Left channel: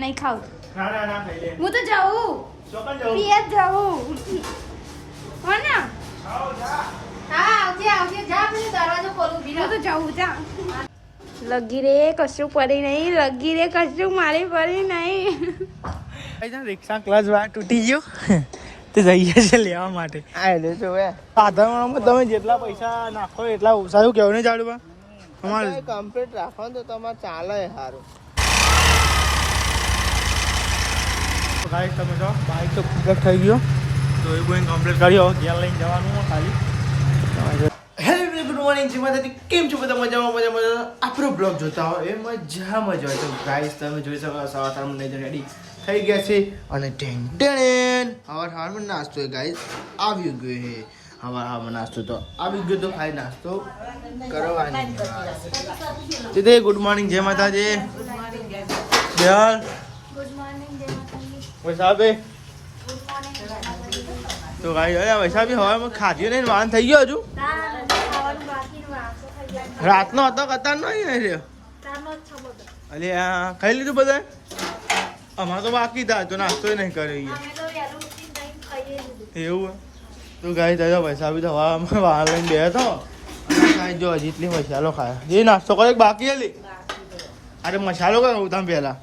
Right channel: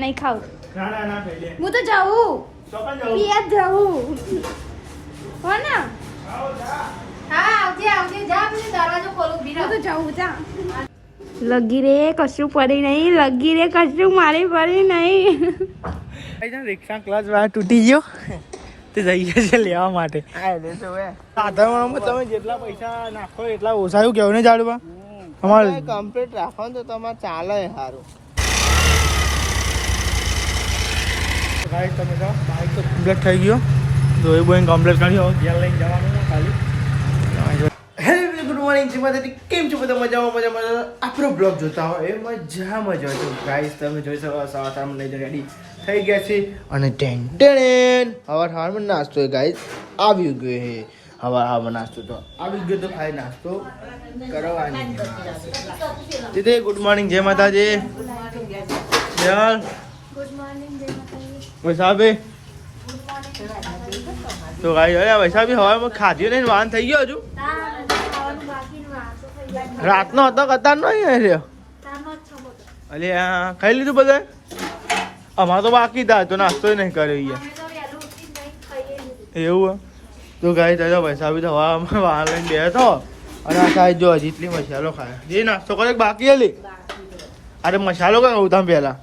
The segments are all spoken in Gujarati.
નહીં ખાવ ના ના ના ખાઈ લે. હું તો જાઉં ચોપન જાઉં. પિયા જાઉં હો ને આવો જા. હું તો જાઉં જા લગી રે કશું પડી નહીં લગી રે કશું મારી પડી નહીં રિક્ષા ક્લચ વાર તૂટી ગયો તે જઈએ છે લેવા માટે. સાધારણમાં તમે જેટલા પૈસા નાખો એટલા ઓછા કેવું ને જાડવા અમારે કમ્પ્લીટ રાખો તો તમારે ચાલે સારું. ગાઈસ તમે જો બાઈક તો કમ્પ્લીટ થઈ ગયું જોઈ બોઈંગ કમ્પ્લીટ કર્યો ઘેર લઈને જવાનું ખાલી. હેલો ગુડ મોર્નિંગ જય માતાજી. કેમ છો બધા? મજામાં આપણો બ્લોગ જોતા હોય એ મજામાં જ હોય. તો ગાઈસ તમે જોઈ શકો સવારમાં નહીં રેડી થઈ ગયા છે અને હવારમાં નાસ્તો ગાઈસ આવી ગયો છે. હવારમાં નાસ્તો તો આવી ગયો તો ખાઈ નાસ્તો કરવાની. તે ગુડ મોર્નિંગ જય માતાજી. યાર વૈસાબી તો ગાઈ અરે વૈસાબી હવામાં ખાધ્યું નહીં વાન થઈ ગયો હજુ રાતનો હતો કતાર નો રહ્યો. અલે ખાઈ લીધું બધા? અમારે તો બાકી હતા તો નાસ્તો નહીં કર્યો એવું. તો ગાઈ તો વૈસાબી તો હવામાં વાન લઈને બે હતો અને સાહેબ જો હજી એટલી મસાલો ખાય એ નાસ્તો કરે બાકી હલી. અરે મસાલો કઈ કહું તમે પહેલા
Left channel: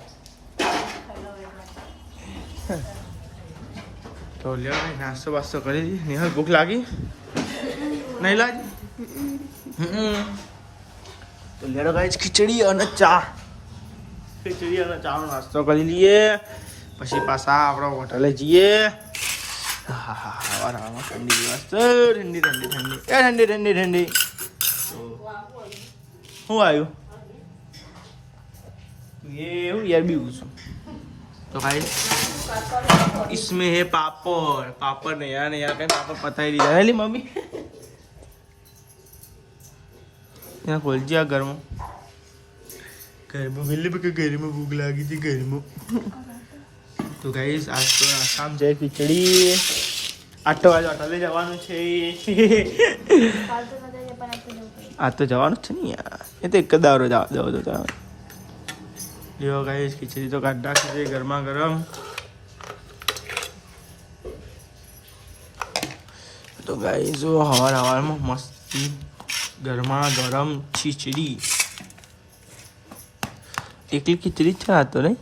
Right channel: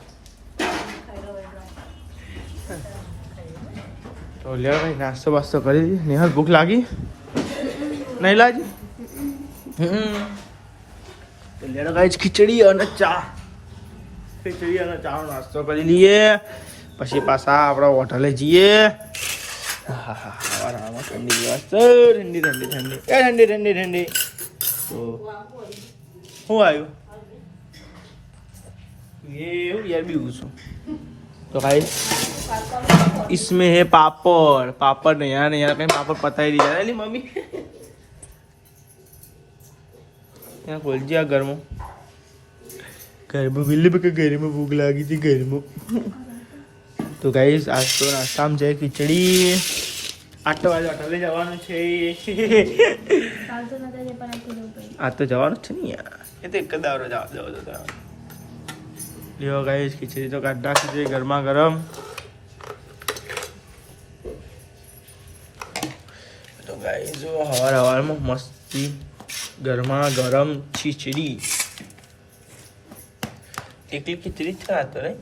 તો લે ભાઈ નાસ્તો બાસ્તો કરી દઈએ. નિહાલ ભૂખ લાગી નહીં લાગી? તો લેડો ગાઈસ ખીચડી અને ચા નો નાસ્તો કરી લઈએ પછી પાછા આપણે હોટલે જઈએ. હા હા હવામાં ઠંડી દિવસ ઠંડી તો શું આવ્યું એવું યાર બીવું છું. तो गाइस इसमें है पापड़ नहीं यार कहीं पापड़ पता ही नहीं जाने ली मम्मी यहाँ खोल दिया घर में बिल्ली पे घर में भूख लगी थी घर में. तो गाइस आज तो नाश्ता में है खिचड़ी. 8 વાગે હોટલે જવાનું છે. આ તો જવાનું છે ને યાર એ તો એક દારો જવા દો તો લ્યો ગાઈસ ખીચડી તો કાઢ નાખી છે ગરમા ગરમ. તો ગાઈસ જો હવારમાં મસ્તી ગરમા ગરમ ખીચડી. એકલી ખીચડી છે આ તો નહીં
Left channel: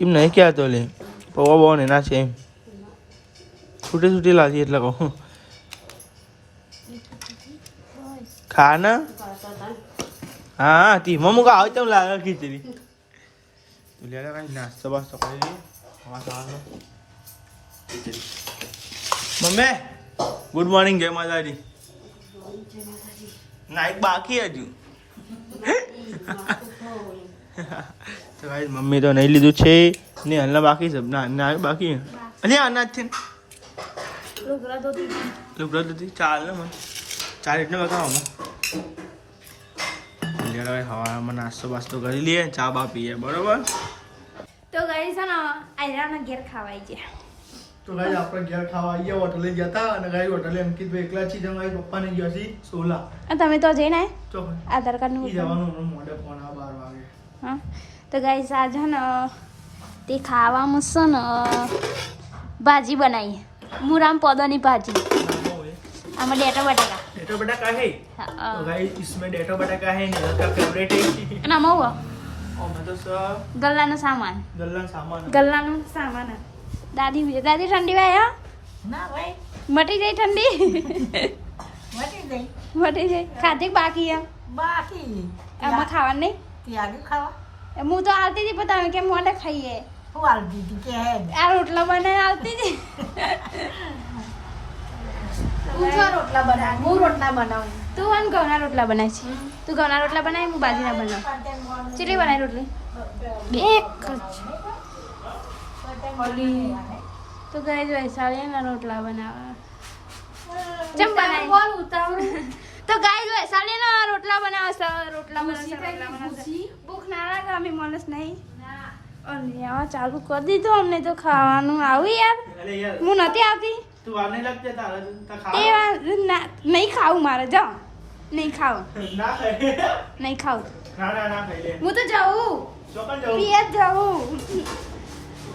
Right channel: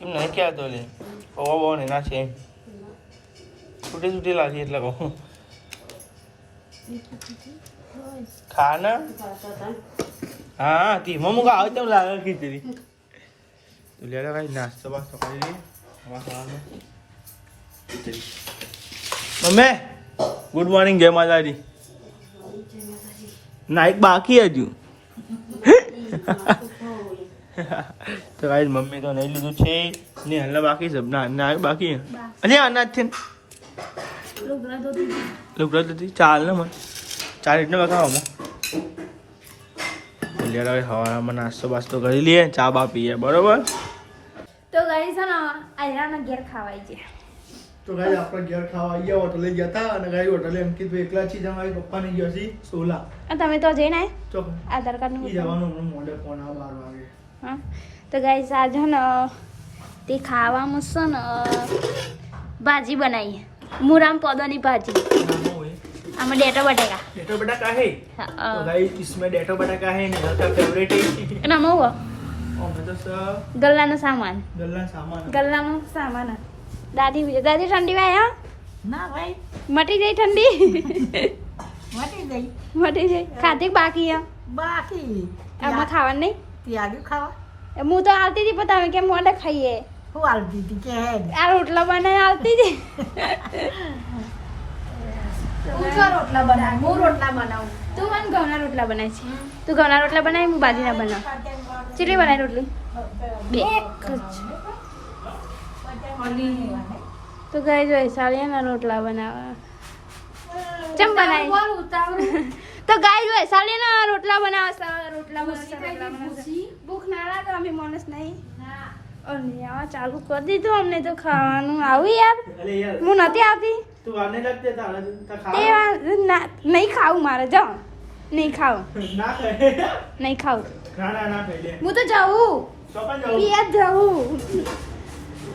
એમ નહીં ક્યાં તો લે પૌવા બહુ એના છે એમ છૂટી લાગી એટલે કહું ખાના हाँ ती मम्मी का आवत लागा खिचड़ी. तो ले रहा नाश्ता वास्ता कर लिए मम्मी. गुड मॉर्निंग जय माताजी. नाइक बाकी है हजू तो गाइस मम्मी तो नहीं लीधु छे ने हल्ला बाकी सब ना बाकी है. अरे अनाज थे लुगड़ा दो चाल ना मन 4 इतने बका हम હવામાં નાસ્તો બાસ્તો કરી લઈએ ચા બા પીએ બરોબર. તો ગાઈસ છે ને આયરાના ઘેર ખાવાઈ ગયા. તો ગાઈ આપણે ઘેર ખાવા આવ્યા હોટલે જતા અને ગાઈ હોટલે અંકિતભાઈ એકલા છે તમારી પપ્પાને ગયો છે સોલા. તમે તો જઈને તો આધાર કાર્ડ નું જવાનું હમણાં મોડે ફોન 12 વાગે. હા તો ગાઈસ આજે ને તે ખાવામાં છે ને ભાજી બનાવી મુરામ પોદોની ભાજી. આમાં डेटो बटाका है. तो गाइस इसमें डेटो बटाका है नेहा का फेवरेट है. એના મવો और मतलब सब ગલ્લાનો સામાન દાદી ઠંડી વાય ના ભાઈ મટી જાય ઠંડી મટી જાય ખાધી બાકી બાકી આમાં ખાવાનું નહીં ત્યાગી ખાવા હું તો આવતી હતી પણ તમે કેમ મોડે ખાઈએ હું આલ દીધી કે હે આ રોટલા બનાવી આવતી હતી. રોટલા બનાવ હું રોટલા બનાવું તું મને ઘઉંના રોટલા બનાવીશ. તું ઘઉંના રોટલા બનાવી હું બાજીના બનાવ. કેટલી બનાવી રોટલી? 2 તો ગઈ જો સાળિયાના રોટલા બનાવવા ચમ બનાવી તો ગાય જો સાળિયાના રોટલા બનાવશે. ભૂખ ના લાગે અમે માણસ નહીં અને આવા ચાલુ કરી દીધું અમને તો ખાવાનું આવું યાર હું નથી આવતી. તું વાર નહીં લાગતી તારા નહીં ખાવું મારે જાઓ નહીં ખાવ ના ખાય નહીં ખાવ ના ખાઈ લે હું તો જાઉં ચોપન જવું પિયા જ જાઉં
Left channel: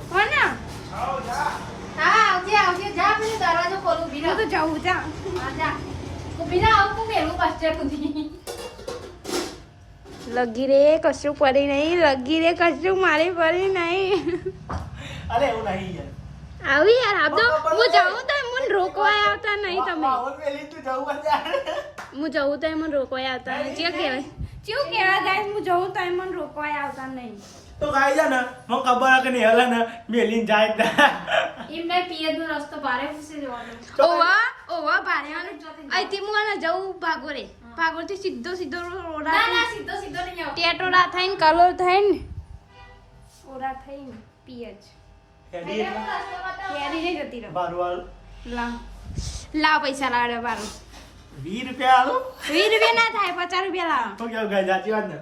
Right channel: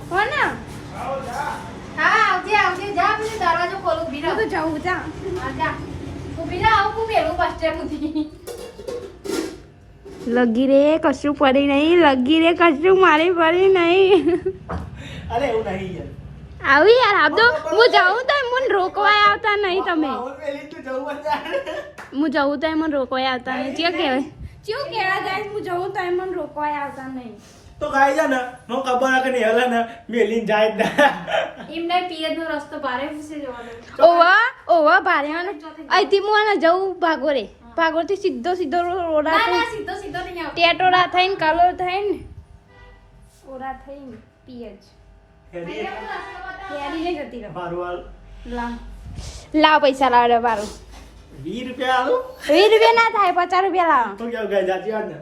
હો ને આવો જા હા આવજે જા પેલો દરવાજો ખોલ ઊભી હું તો જાઉં જા જા ઊભી ના આવું પેલું બસ સ્ટેન્ડ સુધી લગી રે કશું પડી નહીં લગી રે કશું મારી પડી નહીં અરે એવું નહીં યાર આવી યાર આપ તો હું જાઉં તો મને રોકવા આવતા નહીં તમે પેલી તું જવું હું જવું તો મને રોકવા આવતા નહીં ચેવું કહેવાય ચેવું કહેવાય ગાઈસ હું જવું તો મને રોકવા આવતા નહીં તો ગાઈ જા ને મને ખબર કે નહીં હલે ને મેલીન જાય જ ના એમને પિયરનો રસ્તો ભારે પૂછી જવાનો ઓવા ભારે અહીંથી હું આને જવું ભાગોરે ભાગોરથી સીધો રોડા ના થઈને સીધો સીધો નહીં આવ ટેટોરા થઈને કલર થઈને ઓરા થઈને પીએચ હેડી હેરી જઈ જતી રહો બારવાલ લાવ પૈસા લાવ બારું 20 રૂપિયા આલો 20 રૂપિયા ના થાય 50 રૂપિયા લાવ તો કેવું ગાઈ જાતી વાત ને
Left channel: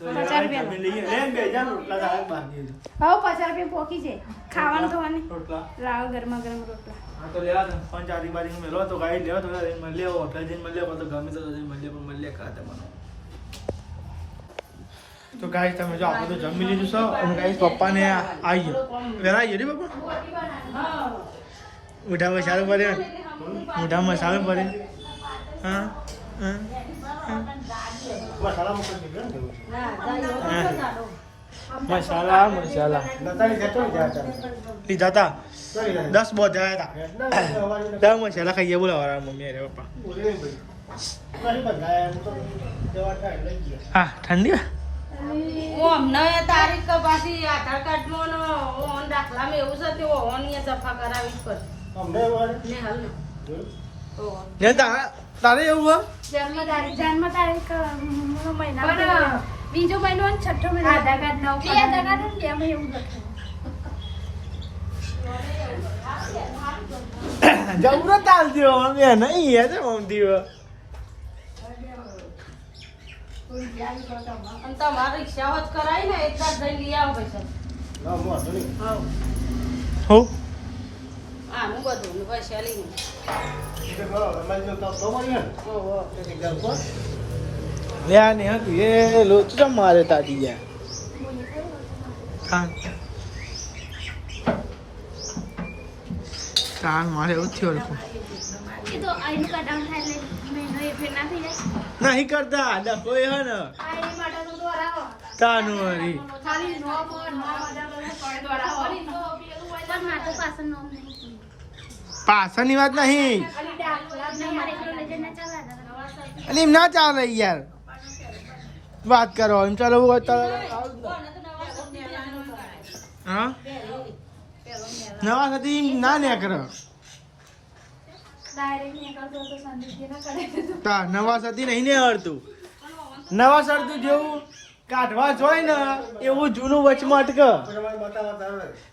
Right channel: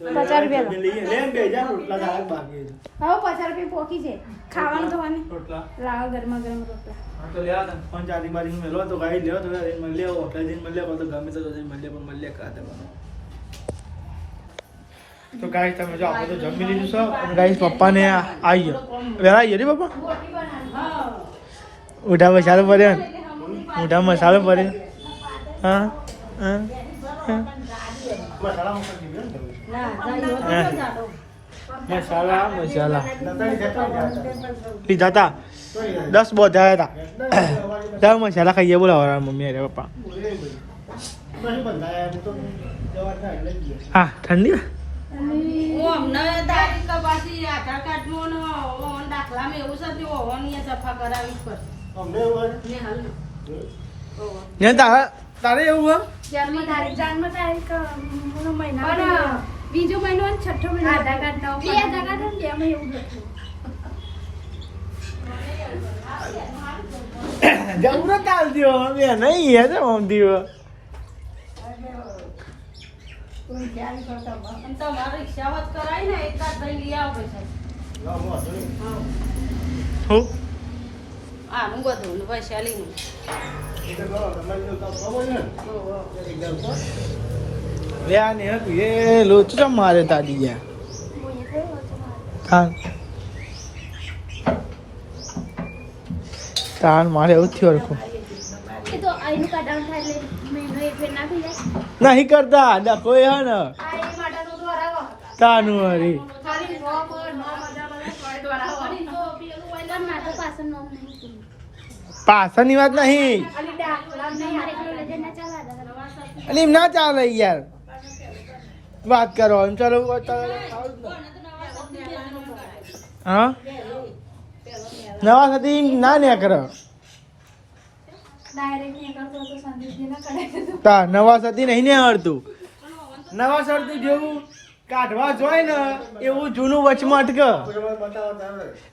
50 રૂપિયા લો. લઈએ લે 2000 રોટલા દાળ બાકી હવે 50 રૂપિયા પોકી છે ખાવાનું તો મને રોટલા લાવ ગરમા ગરમ રોટલા હા તો લેવા ને પાંચ આદી બાદી મેલો તો ગાઈ લેવો તો મને લેવો હોટલ જઈને મને લેવો તો ગમે તો જઈને મને લે પણ મને લે કાતે બનો તો ગાઈસ તમે જો આપણે તો જમી લીધું છો અને ગાઈસ પપ્પાને આવી ગયો વેલા આવી ગયો ને પપ્પા ઉઠા મસાલો પડ્યો ને ઉઠા મસાલો પડ્યો હા હા મસાલા લીધા હતા 10 બોધા હતા 10 મસાલા ખાઈએ બોલાવો મમ્મી અરે પપ્પા હા ઠંડી તારીખ તો પાછી આધાર કાર્ડમાં દાખલામાં એવું છે તે ઓવનની સફા કરાવી જ પડે તારે એવું જન્મ તારીખ મહિના બીજો મહિનો અને છઠ્ઠો મહિનો આધાર કાર્ડ નવ આધાર કાર્ડ ને એમાં એવું લખ્યું જરૂરત આવજો મેં નહીં હે મમતી અને તમારે રિક્ષાવત કરાય ને એક દાડ જઈ લઈ આવો પૈસા હો હા હું બધું પૈસા લઈ લે ને એ લોચો મારે તાજી ગયા હા તાન મારે એવું થયું રખો એ તો આઈનું કાઢવાનું થાય એટલે મહિનો એક ફેર ના થઈ જાય નહીં કરતા ના કોઈ હે ને તાનું હરી પણ મારે તો પાછળ નોમ નહીં પાછળની વાત નહીં મારે એકલો લઈ જઈને ચાલે અને એમ ના ચાલે યાર વાત કરો એમ ચાલો હા નવા સુધી ના ને કરો તા નવા સતી નહીં ને આવડતું નવા સરતું જેવું કાઢવા જોય ને એવું જૂનું વચમાં અટકે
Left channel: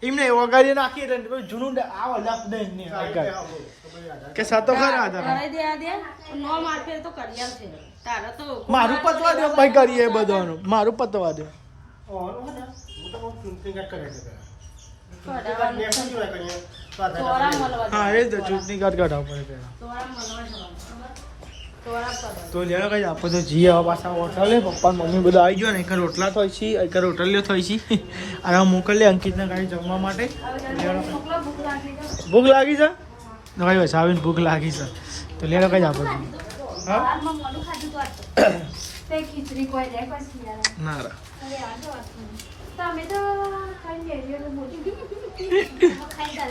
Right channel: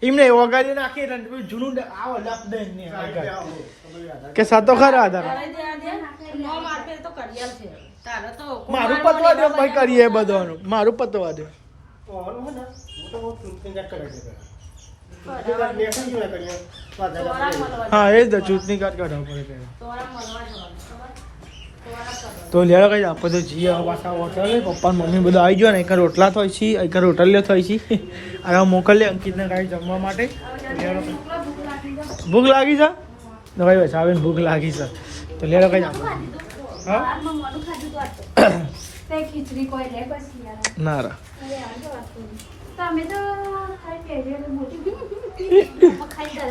એમને વગાડી નાખી એટલે જૂનું આવો લપ દે કે સતો ખરા હતા નો માર્કે તો કરિયર છે તારે તો મારું પતવા દે ભાઈ કરીએ બધવાનું મારું પતવા દે હા એ જ ચૂંટણી કાર્ડ કાઢવા પડે પહેલા તો લેવા કઈ આપણે તો જીએ હવે પાછા હોટલે પપ્પા મમ્મી બધું આવી ગયો ને એક રોટલા થઈ છે એક રોટલ લે થઈ છે અને મોકલીએ અંકિતને કાંઈ જમવા માટે ભૂખ લાગી છે તો કઈ બસ આવીને ભૂખ લાગી છે તો લેવા કઈ આપણે હા ખીચડી કોઈ લે પછી યાર ના રા તમે તો ખાઈ બેઠે મોટી ખાઈ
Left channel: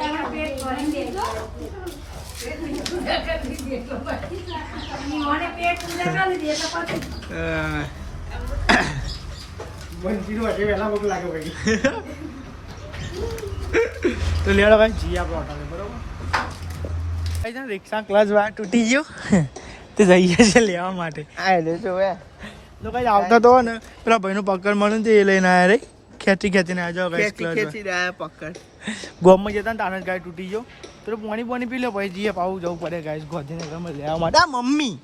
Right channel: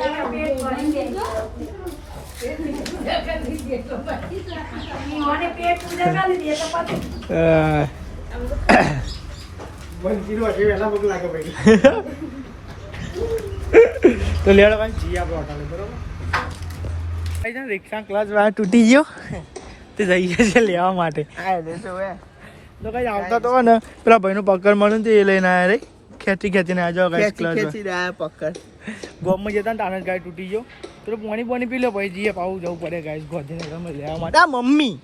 તો લેડો કઈ જી આપણે હોટલે બરોબર રિક્ષા ક્લચ વાળા તૂટી ગયો તે જઈએ છે લેવા માટે તો કઈ આવતો તો ને પેલા ભાઈનું પકડ મળ્યું તે એ લઈને આવ્યા રે ખેંચીને આ જાઓ કઈ ક્લચ પકડ ગોમમાં જતા ને તાને જ ગાય તૂટી ગયો તો પાણી પી લો પછી જઈએ પાવું જવું પડે ગાય ગોધીને લેવા માટે આ મમ્મી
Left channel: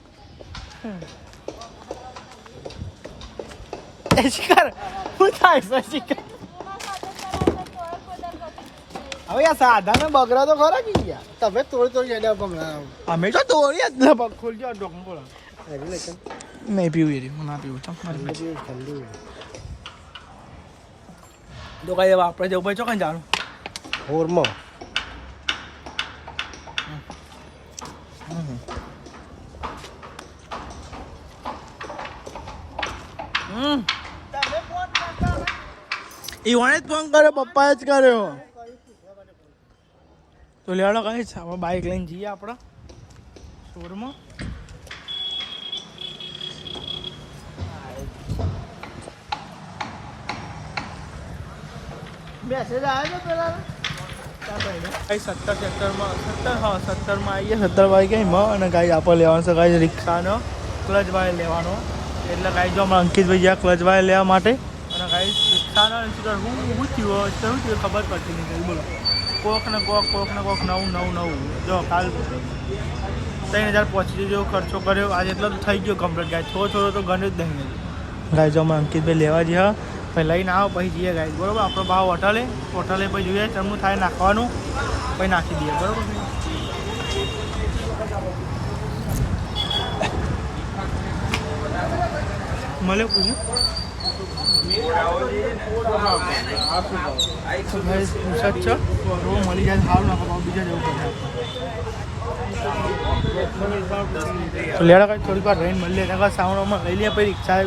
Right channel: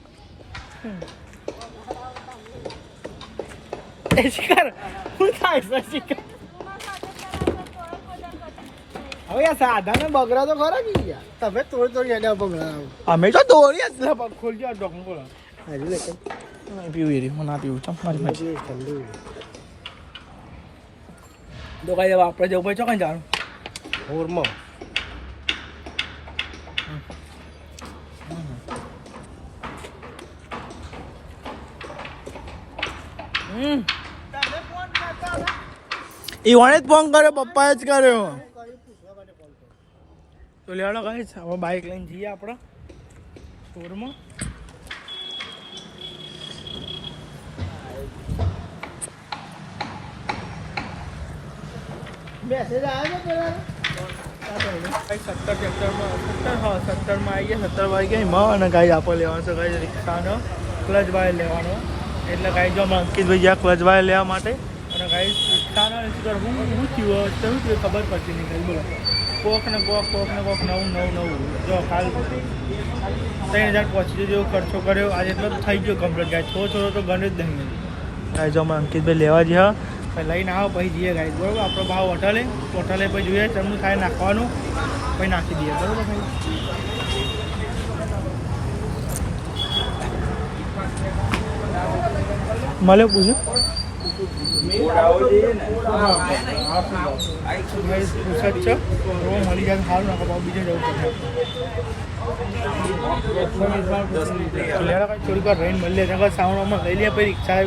શિકાર હું થાય છે શિકાર હવે આ સાધા ને બગડા તો ખરા કે ગયા તમે તોડી બગડા અમે તો તોડી જ ને ખોલજો ડોકનું બોલો નહીં પીવું એ રહ્યું ના પીવું ચાલ મારી પાસે તો કઈ આપણે જવું પડે ચોકન જાણું હોરમાં એ વણે જ ફોન કર્યો પપ્પાએ જ કર્યો તો લેવાડો કઈ હવે બાઇક લઈને જઈએ આપણા સ્ટોરમાં મેસેજ આવ્યો ને પેલા 17માં આવીએ 17 વાગ્યા અને ગાઈ આપણે લેવાનો છે ગાઈ રિક્ષાનો ક્લચ વાયર લેવાનો એટલે ગાઈ જો અમે અંકિતભાઈ ગયા ક્લચ વાયર લેવા માટે અને ગાઈ રિક્ષાનો હું થયું ખબર પડતી નહીં ગાઈ બોલો કોક ને કોક નવું જો કાલ 3000 પહોંચી જેવો ખર્ચો કર્યો આજે એટલો થઈ ગયો કમ્પ્લીટ ગાય થોડો તો ગણ્યું જ નહીં ગાય જો અમે અંકિતભાઈ લેવા જઈએ પછી લઈને આવો પછી જઈએ ગાય બરાબર આપણો ભાવ હોટલે પછી જોઈએ તેમનું થાય નાખવાનું પછી નાખી દઈએ બરાબર ભાઈ મળે પૂછ્યું પૂછત છે મળી જાય સારું નાખો ભાવ બીજા જવું પડે આપણે થોડીક વાર રહીને મળી લે સાવણોમાં લઈ લે પછી રિક્ષા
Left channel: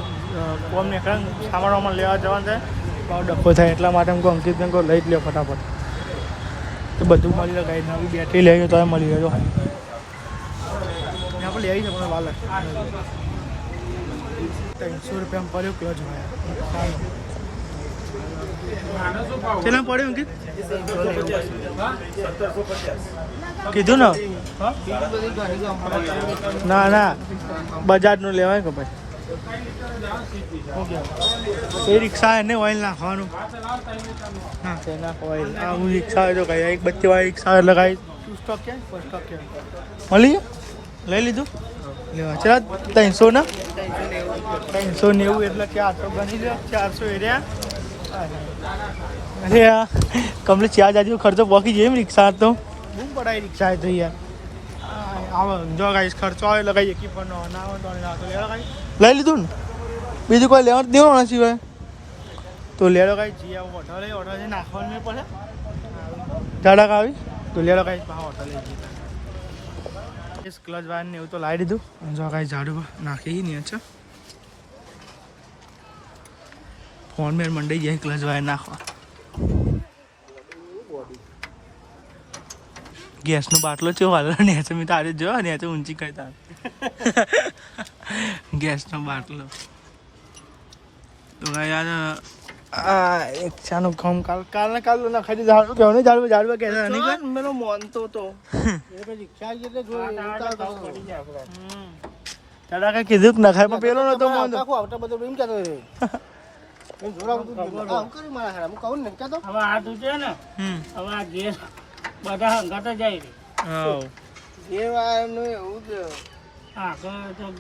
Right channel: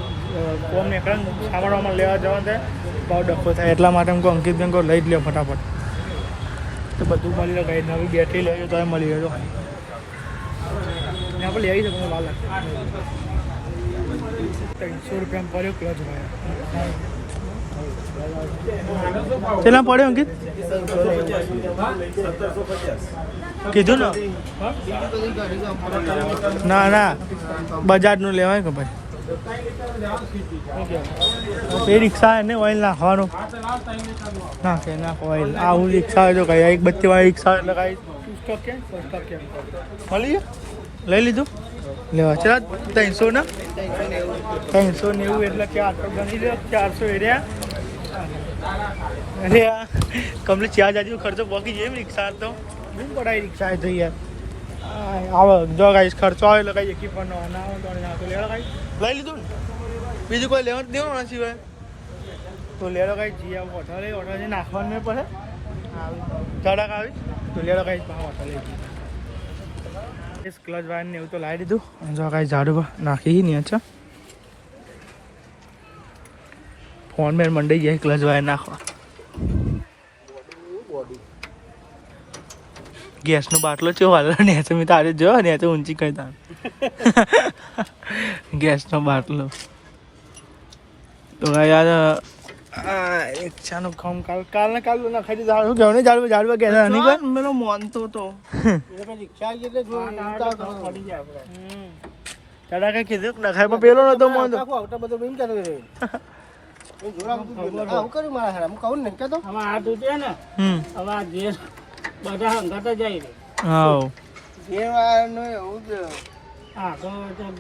કોમ ને સાવણોમાં લેવા જવા થાય ભાવ ડખો થાય એટલા માટે હું અંકિત બેન લઈ જ લે ફટાફટ તો બધું મળી લે ગાઈ નવી બેટરી લઈ તો મળી લેજો આપણે લઈ આવી છે પણ વાર લાગે 300 રૂપિયામાં પડ્યો ક્લચ ભાઈ કેટલા પડ્યો અંકિત કીધું ને ના બજાજનું લેવાય કે પછી એ રિક્ષા એને ઓઇલ નાખવાનું ના ઓઇલ આવું રિક્ષા જો કઈ એક બત્તીવાળી રિક્ષા એટલે કઈ સ્ટોક ક્યાં મળી ગયા લઈ લીધું લેવા ચલા 300 ના 390 એટલે 400 ગણી લો 400 એરિયા અરે યાર કમ્પ્લીટ 4000 જેવો ખર્ચો પોકી જાય રિક્ષા તો બહુ પડાય રિક્ષા થઈ યાર આવો જો ગાઈસ ખર્ચો આવે એટલે કઈ એકી પણ ના આવે તો ના તો લેડો ગાઈ લઈ લીધું ને બીજું કોઈ લેવા દેવાનું નથી હોય તો લેડો ગાઈ જી આવું હોટલે નાખવાનું મેં પડે ધડક આવી તો લેડો ગાઈ હોટલે જઈએ ક્લચ વાયર ને એવું તો લાવી દીધું જો કાંઈ ઝાડુ નાખી નહીં અચ્છા ફોન મેં મંડાઈ ગયા ક્લચ વાયર નાખવા ગેસનો બાટલો છે વાલો ને મેં તારે જો ને તો ઊંચી કરી તા ગેસનો બાટલો તો યાર એક ચાનું કામ કાલ નાખાઈ દીધું ઝાડવા ગયા નહીં કર મેરો મોનતો તો તારા કઈ કીધું કે નખાય પણ પેલો નતો મોન આવતા બધો બેમ ચાલો રહ્યો આવું કર્યું મારા હારે હું કહું ને કે તો હવે આ તૂટે ને હવે આ ગેસ બધા હંગાત જાય રે હા જે વાનું એવું કે હા તો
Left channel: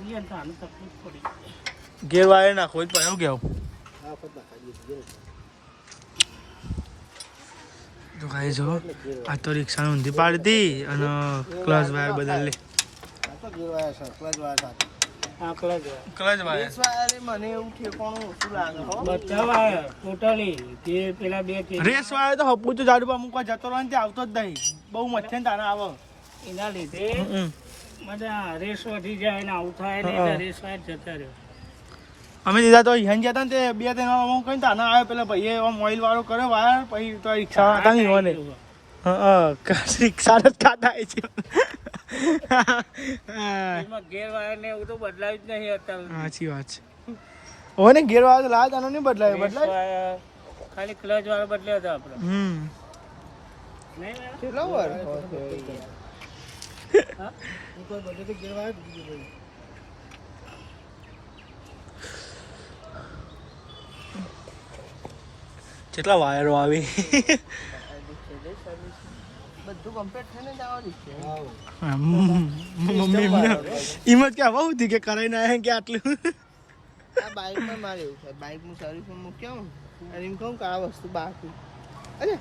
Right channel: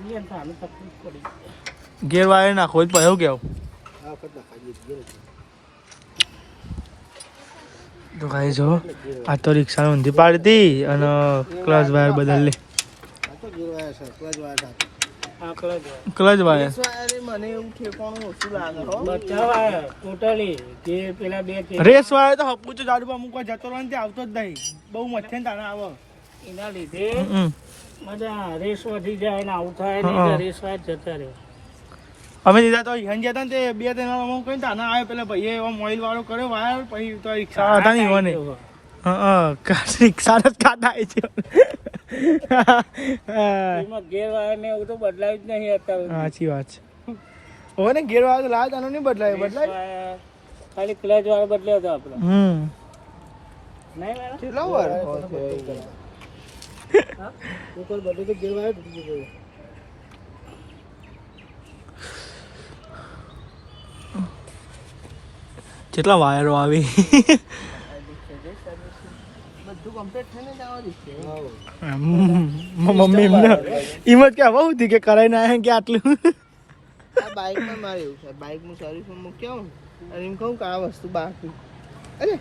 ગેસ આને તકલીફ પડી ગેર વાયર નાખો જ પડ્યો કેવું તો કાંઈ જો આ તો રિક્ષા ઊંધી પાડતી અને ક્લચ વાયર બદલી ક્લચ વાયર મને એવું ઠેકાણું ઓછું લાગે બધા વાયર ટોટલી જે પેલા બે રેસ વાયર તો હપું તો ઝાડુ મૂકવા જતો રહે ને આવતો જ નહીં બહુ મચ્છે ને તારે આવો એના લીધે બધા રેસ વધી જાય ને આવું થાય ને એટલે રેસ વાયર જતા રહ્યો અમે દીધા તો હેન જતા ને તે 2-3 વાર અમુક કઈ તાના આવે પેલા ભાઈએ ઓઇલ વાળો કર્યો વાયર પછી તો રિક્ષા હતા નહીં હોય ને રિક્ષા જ કાઢા છે એમાં ગેર વાયર ને એવું તો બદલાયું જ નહીં અત્યારે સાચી વાત છે હવે ને ગેર વાળો લાવે તાનો નહીં બદલાય ખાલી ક્લચ વાળો બદલ્યો હતો આપણે કોઈ બધું તો ગેરવાય તૂટી ગયું કેટલા વાયરો આવી બધું કમ્પ્લીટ થઈને જ આવવા દીધું મમ્મી એમને હિંમત કે આવું હતી કે કરાઈ ના કે આટલું આ બાઇકમાં મારે એવું છે બાઇકનું સર્વિસમાં મૂક્યો અને એમ કહું કે આ વસ્તુ બાકી અરે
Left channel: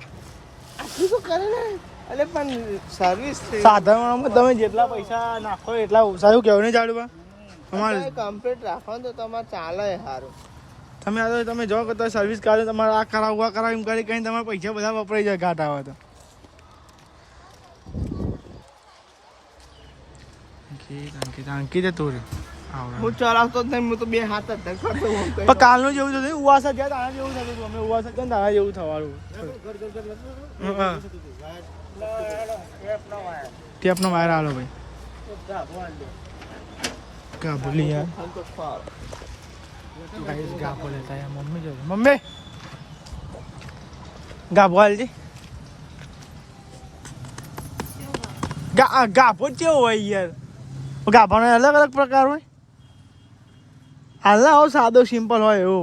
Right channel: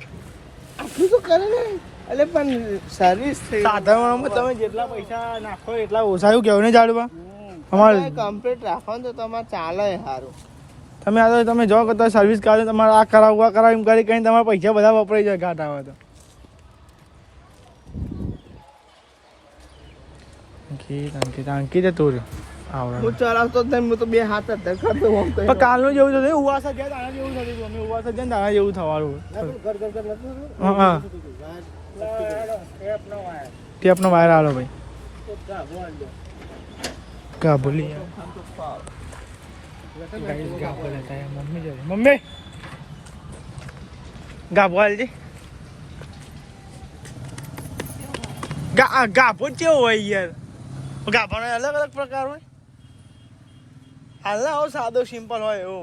આટલું તો કરે ને એટલે પણ સર્વિસ સાધારણમાં તમે જેટલા પૈસા નાખો એટલા ઓછા એવું કેવું ને ઝાડવા અમારે કમ્પ્લીટ રાખો ને તો તમારે ચાલે સારું. તમે આ તો તમે જો કરતા સર્વિસ કરો તમારે આ કરાવવું આ કરાવ એમ કરી કઈ તમારા પૈસા બધા વપરાઈ જાય ઘાટ આવે તો. અંકિત તું આવડે હું ચલાવતો જ નહીં, હું તો બે હાથ જ કરતો હોઉં. પણ કાલનું જેવું થતું ઉવાસા જાય તારા જેવું થતું હતું. અમે ઉવાસા જાય તારા જેવું થવાનું. હા ટેપનો વાયર આલો ભાઈ. ગાભો લી યાર ગાઈસ ગાભો લેતા યાર. મમ્મી જોજે મમ્મી ગાભો હાલજે. ગાભો કેવો હોય યાર? ગાભાનો અલગ અલગ પ્રકાર હોય. હાલના આવો સાદો સિમ્પલ હોય એવો.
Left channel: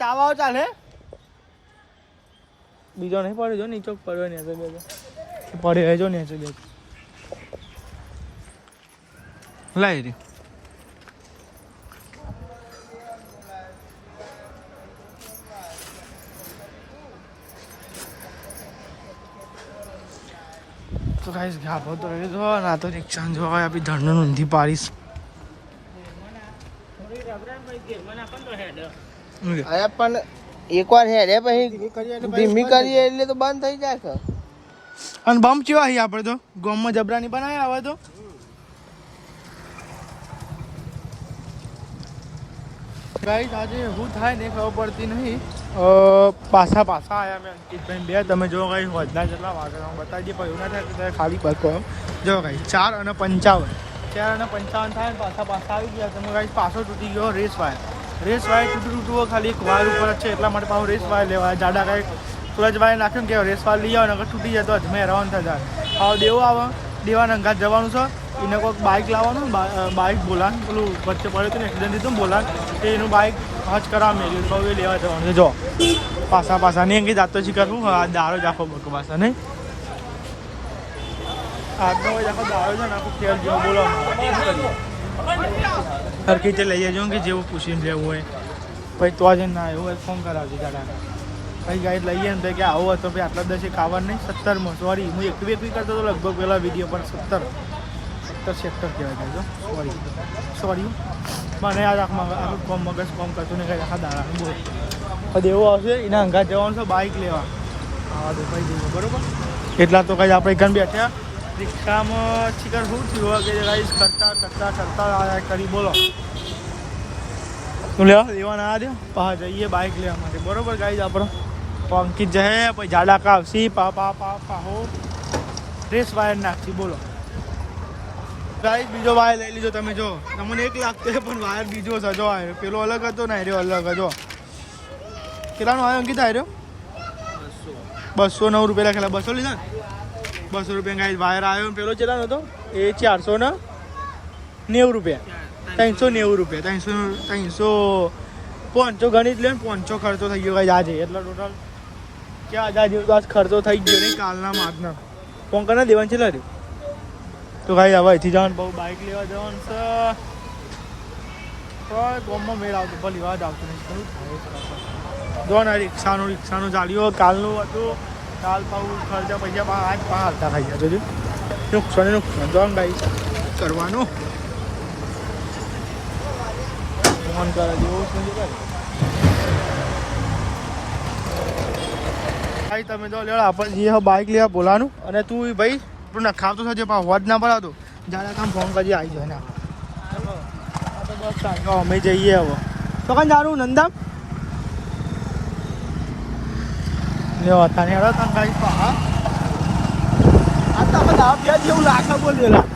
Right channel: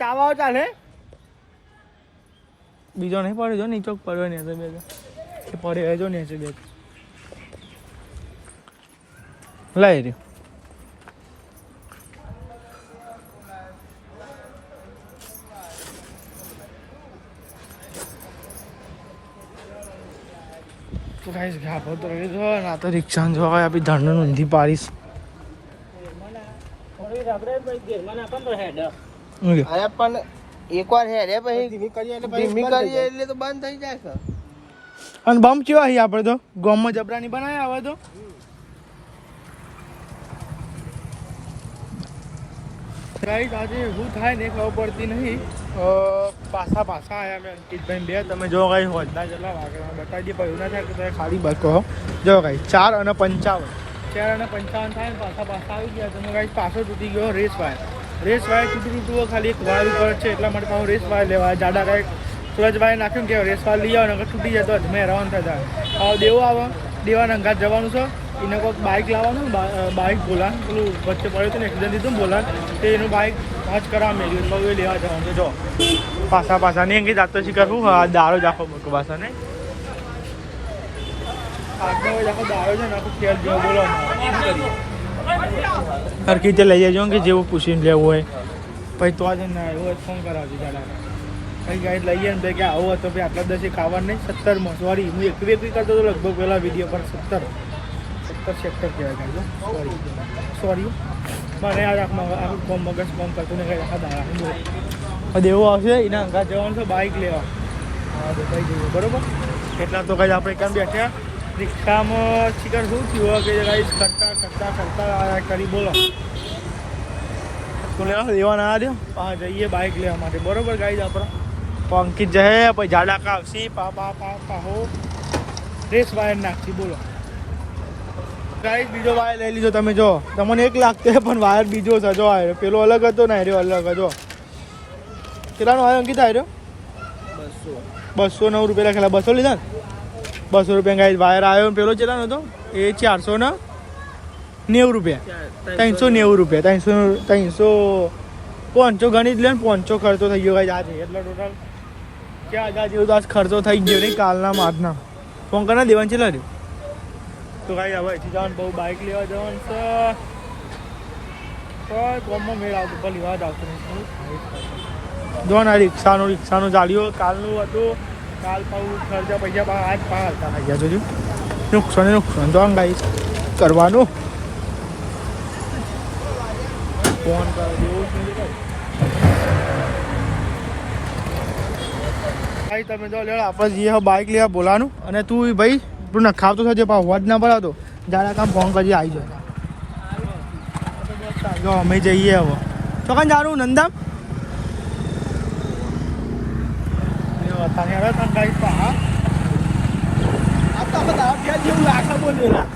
ચાવાઓ ચાલે બીજો નહીં પડ્યો નીચો પડ્યો નહીં પડે જો ને લઈ રહ્યો. તો ગાઈસ ગાભો તો રહી જો ના તો રિક્ષા જો આપી ધણનું ઊંધી પાડીશ. અરે પણ એકવાર હેડે પછી ધીમી કરીએ એટલે તો બંધ થઈ જશે. અને બમ કેવા અહીં આપણે તો ગોમમાં જબરાની બનાવ્યા આવે તો ગાઈસ આજે શું થાય ને ખબર પડતી નહીં. પાછા આવ્યા મેં અંકિતભાઈ બે. તમે જો ગાઈસ હોજના જેટલા વાગે બતાવી દઈએ પણ એવું ના થાય કે તમે ખાલી બાકી જો ગાઈસ 4:55 થાય ને પાછા આવી ગયા. તમે ગાઈસ પાછો તૂટી ગયો રેસ વાયર તૂટવો ખાલી એક વાયર ઉપર જ છે એટલા માટે પાછો રેસ વાયર લેવાય. જાડા કાંઈક ક્લચ વાયર નાખ્યું ને કે રેસ વાયર લઈ આવો ને તૂટી જતો જ મેં હેરાન થતા. હવે દેવો આવે દેવાના અંગાત જવાનું છે. એને કોઈક બાઇક લાવવાનું બાઇક બોલાન પેલું વચ્ચે પડ્યું હતું ને એક્સિડન્ટ દીધું બોલાન તે એનું બાઇક હજ કરાવવાનું નહીં તો એ લેવા જવાનું છે. જો પાછા નહીં અંકિત આતો શીખર શું દારો જ આખો પાછા નહીં આજનો આખો દારો છે ને આખો ખેલ જેવો બોલાવવાનો સરખી રીતે લઈ જજો કે જેવું પૂછીને લેવું હોય પછી તો જ ના એવું હોય ફોન કરાવજો દાદાને. પછી ગાઈડ લઈએ ને તો કે આવું હતો ભાઈ આટલા 10 ખાવાનું નહીં 17માં સોરી હું એકવી કરતો હતો લગભગ પહેલાં વિડીયો પણ 17 સેક્ટર કહેવાય ગાઈજો. સોરી મને યાદ આખું કોમ મગજ કોમ કરતું ને કંઈ આખા દાડા બોલો એ દેવું આવશે એના અંગાત જવાનું છે બાઇક લેવા આવા દો ભાઈ જઈએ બરોબર. એટલા તો કંઈ આપણે એકન બેઠ્યા રિક્ષામાં શિકાર શું થયું કે ગાઈસ કરતા આયા કરી બોલો તું લેવા ના દો હા જઈએ બાઇક લેવા માટે બરોબર ગાઈસ. આપણો અંકિત જશે પછી જાડા કાવસી પાહો રેસ વાયર નાખતી બોલો ગાઈસ. બીજો વાયર લઈ લીધો તમે જો તમને એક લાગતો પણ વાયર બીજો છે જો આવ્યો પેલો અલગ હતો ને આવ્યો અલગ હતો. કેટલાનો આવ્યો અંકિત આવ્યો 209 રૂપિયા લખેલા 200 લીધા ને 200 રૂપિયા ગાઈસ વાયર આવ્યો. પેલો કેટલાનો હતો એ 490 રૂપિયા 390 રૂપિયા 500 ગણી જ લે ને 500 ખર્ચો થઈ ગયો ગાઈસ આજે. એટલે ટોટલ ક્યાં આજે જેવું તો આજ ખર્ચો થઈ ગયો નહીં કાલના આજના કોંકના દેવાનું છે લાગે. તો ભાઈ હવે અહીંથી જવાનું બહુ બાઇક લેવા જવાનું છે કોઈ ગામમાં મેળ આવતો ભલે વાત આવતો નહીં શું થાય જો ને રિક્ષાનું ચાલ્યો કાલનું હતું કાલ પાછું ખર્ચા પૈસા આજ હાલતા થઈ ગયા સુધી નુકસાન તો ગાઈસ કરવાનું ફોન કરે જેવું ભાઈ તમે જો લેવા આપણે જઈએ બાઇક લેવા બોલાવાનું અને તું ભાઈ તું નખાવતો થશે પણ અવાજ ના પડાવતો જાડા કામ ફોન કરી આવી જાય અમે જઈએ હવે તો કઈ જાણું નંદા જેવું લાગે બોલેલા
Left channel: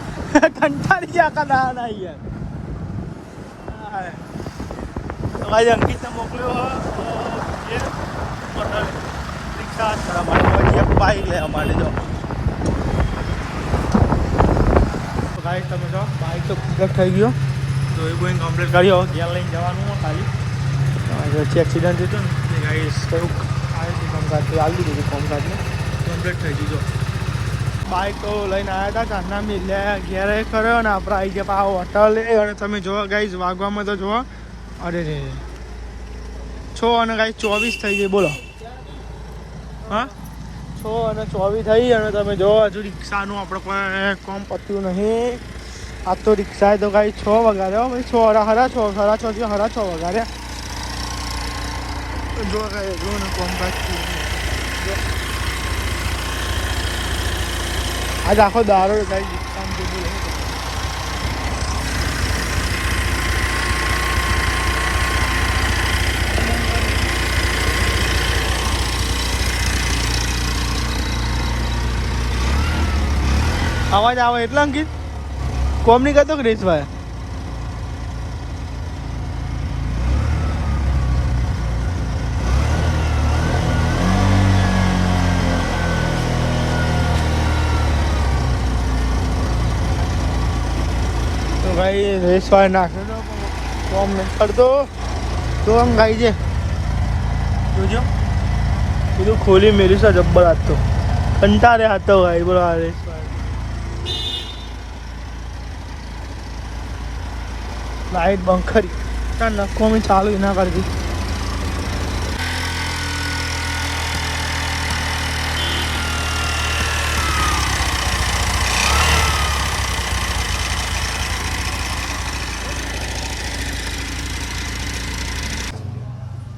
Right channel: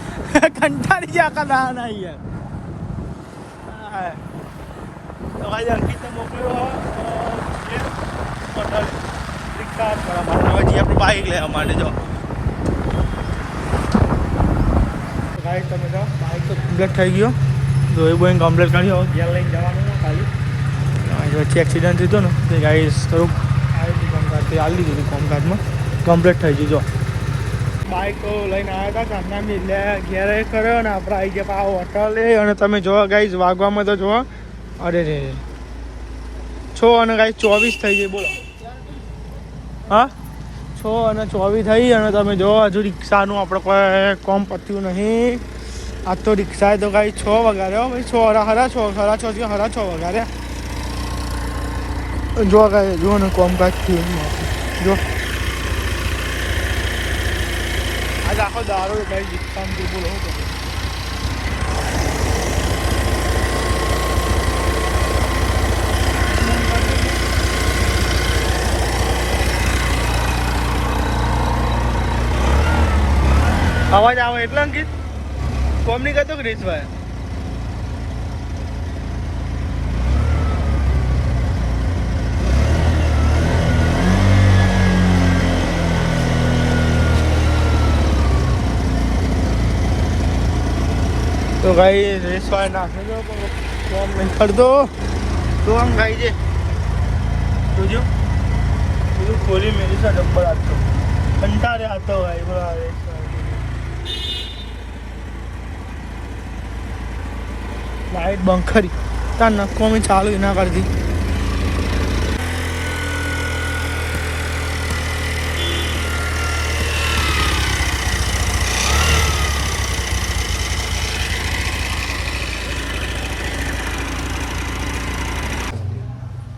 કંટાળી ગયા ના તો ભાઈ અંકિતને મોકલ્યો રિક્ષા આપણું બાઈક લેવા માટે જો ગાઈસ તમે જો બાઇક તો કમ્પ્લીટ થઈ ગયું તો એ બોઈંગ કમ્પ્લીટ કર્યો ઘેર લઈને જવાનું ખાલી એક્સિડન્ટ થયો ને તો ગાઈસ રૂપ કમ્પ્લીટ થઈ ગયું જો બાઇક તો લઈને આવ્યા હતા ઘરના મિલ્યા ઘેરે કર્યો ને આપણે આવી ગયા આ હોટલ અને તમે જોવા ગાઈસ વાગવામાં તો જોવા અરે રે 6 અને ગાઈસ 24 થઈ ગઈ બોલો હા 6:24 થઈ અને તમે જો હજુ રિક્ષાનું આપણે કોઈ કોમ પત્યું નહીં. આ તો રિક્ષા તો ગાઈ 6 વગાડ્યો ભાઈ, 6 સાડા 6 વગાડ્યા. જો ગાઈ જો ને કોમ કાજ થયું જો આજ આખો દારો ભાઈ રિક્ષામાં જે બોલો હું કરું. અવાજ આવે એટલે અંકિત કોમ નહીં કરતો કે રીતભાઈ? તો ગાઈ રેસવાય નાખે તો કોમ નહીં કરતો તો આમ ગાઈ છે જોજો પેલું ખોલી મેરી છે જબ્બર હતો કંટાળે હતો ભાઈ બોલો આ રેસવાય લાઈટ બંધ કરી ત્યાં નક્કી ચાલુ ના કરતી.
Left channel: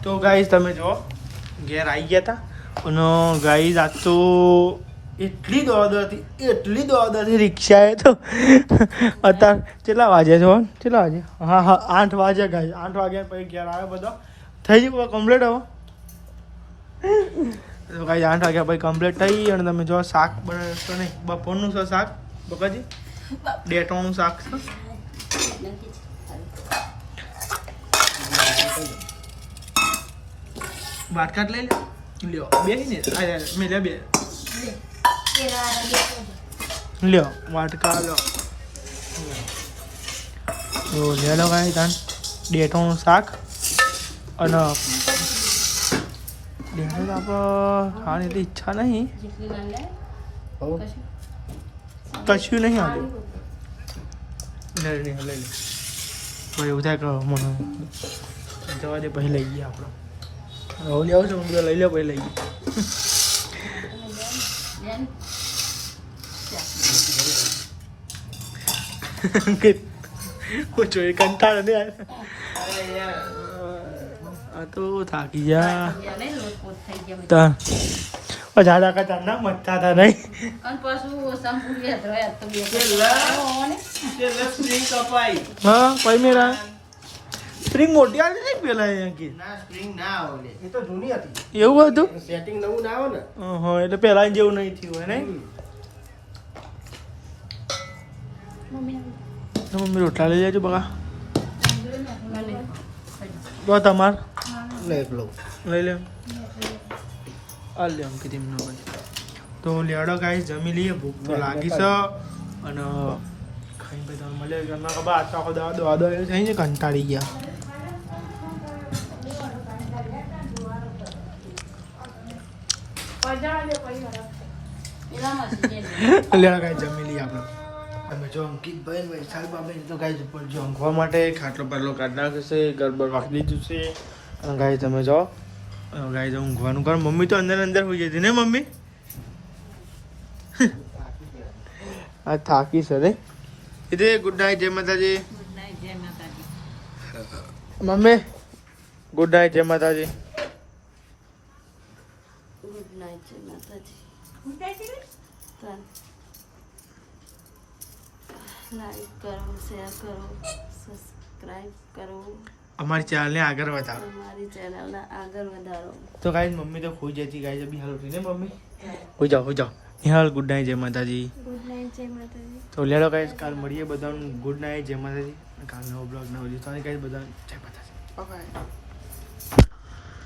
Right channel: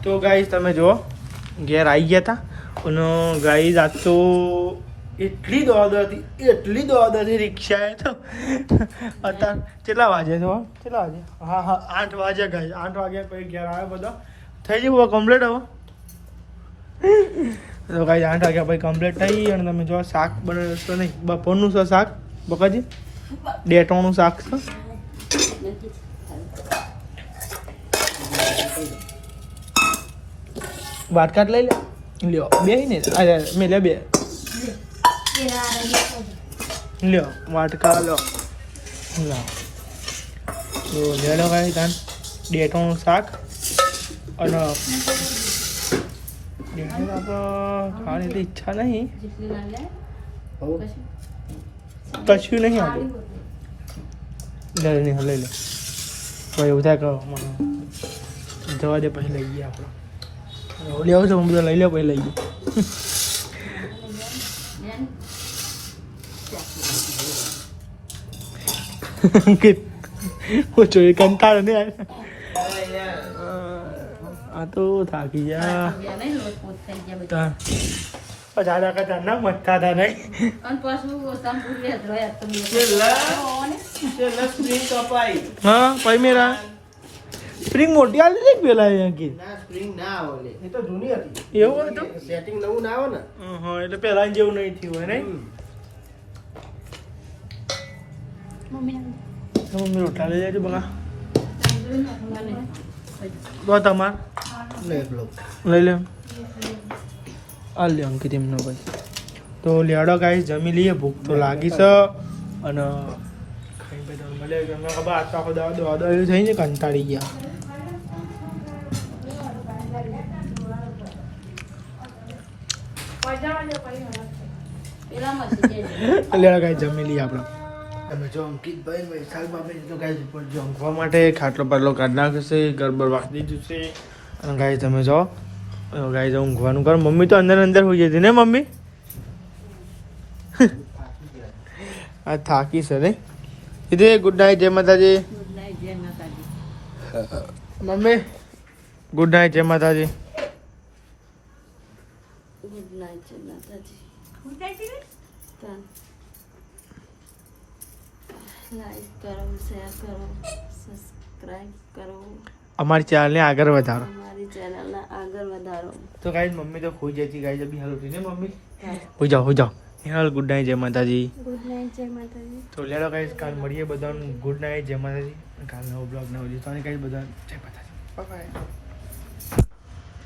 તો ગાઈઝ તમે જુઓ ઘેર આવી ગયા હતા અને ગાઈઝ આજ તો એટલી દોડ હતી રિક્ષાએ તો અત્યારે કેટલા વાગ્યા છો કેટલા વાગે? હા 8 વાગ્યા ગાઈઝ 8 વાગ્યા પછી ઘેર આવ્યા બધા થઈ ગયું કમ્પ્લીટ હવે. તો ગાઈઝ 8 વાગ્યા પછી કમ્પ્લીટ થઈ અને તમે જો શાક બનાવશો નહીં બપોરનું છે શાક બકાજી ડેટોનું શાક છે. વાટકાટ લઈ લ્યો બે ને મેં લે બે લ્યો વાટકા લો તો લે લો કાંઈ તાન ડેટોનું શાક અને ડેટો તો આપણે ખાવાની એટલી ઈચ્છા નહીં કશું નહીં આવ્યું લે લઈ લે ભાઈ એવું થાય કે મને જવા દે પછી લઈ ગયા આપણે ઓલી આવે તો હું બધું લઈ લો પછી લઈ ગઈ. હું જોઈ કંટાળો નહીં આ તો થાકી ગયા ઝાડા કરતા ના મચતા હતા નહીં. સ્પ્રિંગ મોટી આવી નહીં પેલા અંકિત ના સ્પ્રિંગ ના આવે એ તો જૂની હતી એવું હતું સેટિંગ નવું ના આવે ને. હા એટલે પહેલા જેવું નહીં થયું હોય નહીં. મમ્મી રોટલા લઈ જાજો બકા તો તમાર લઈ લે આ લે અંકિત એમનો ભાઈ. તો લેડો ગાઈસ જમી લઈએ ભૂખ તો લાગી છે અને ખાઈ પછી તમને મળે તમને ખબર આજ તો આખો દવા થઈ ને કંટાળી ગયા. લેડો ગાઈસ જમી લઈએ આપણે. તમે જો અંકિતભાઈ વૈશાલ બાબા તો ગાઈસ ઉપર જો ઊંઘવા માટે ખાટલો પાટલો કાઢી નાખ્યો છે ગરબર વાખી દીધું છે ગાઈસ તમે જો ગાઈસ ઊંઘવાનું કર. મમ્મી તો અંદર હોઈ જતી ને મમ્મી થાકી છે ને એટલે ગુડ નાઇટ જય માતાજી. મમ્મી ગુડ નાઇટ જય માતાજી. ગુડ નાઇટ જય માતાજી. લાઈક કરો શેર કરો સબસ્ક્રાઇબ કરો અમારી ચેનલને આગળ વધારો. અમારી ચેનલને આગળ વધારો. તો ગાઈસ મમ્મી તો ખોઈ જતી ગાઈસ અભી હાલ ઉઠી ને મમ્મી હોઈ જાઓ હાલ ગુડ નાઇટ જય માતાજી. ગુડ નાઇટ જય માતાજી. તો લેડો ગાઈસ કાલ મળીએ બધાનું ગુડ નાઇટ જય માતાજી. કાલ નવો બ્લોગ નવો જીતવાની ગાઈસ બધા જય માતાજી બાય બાય.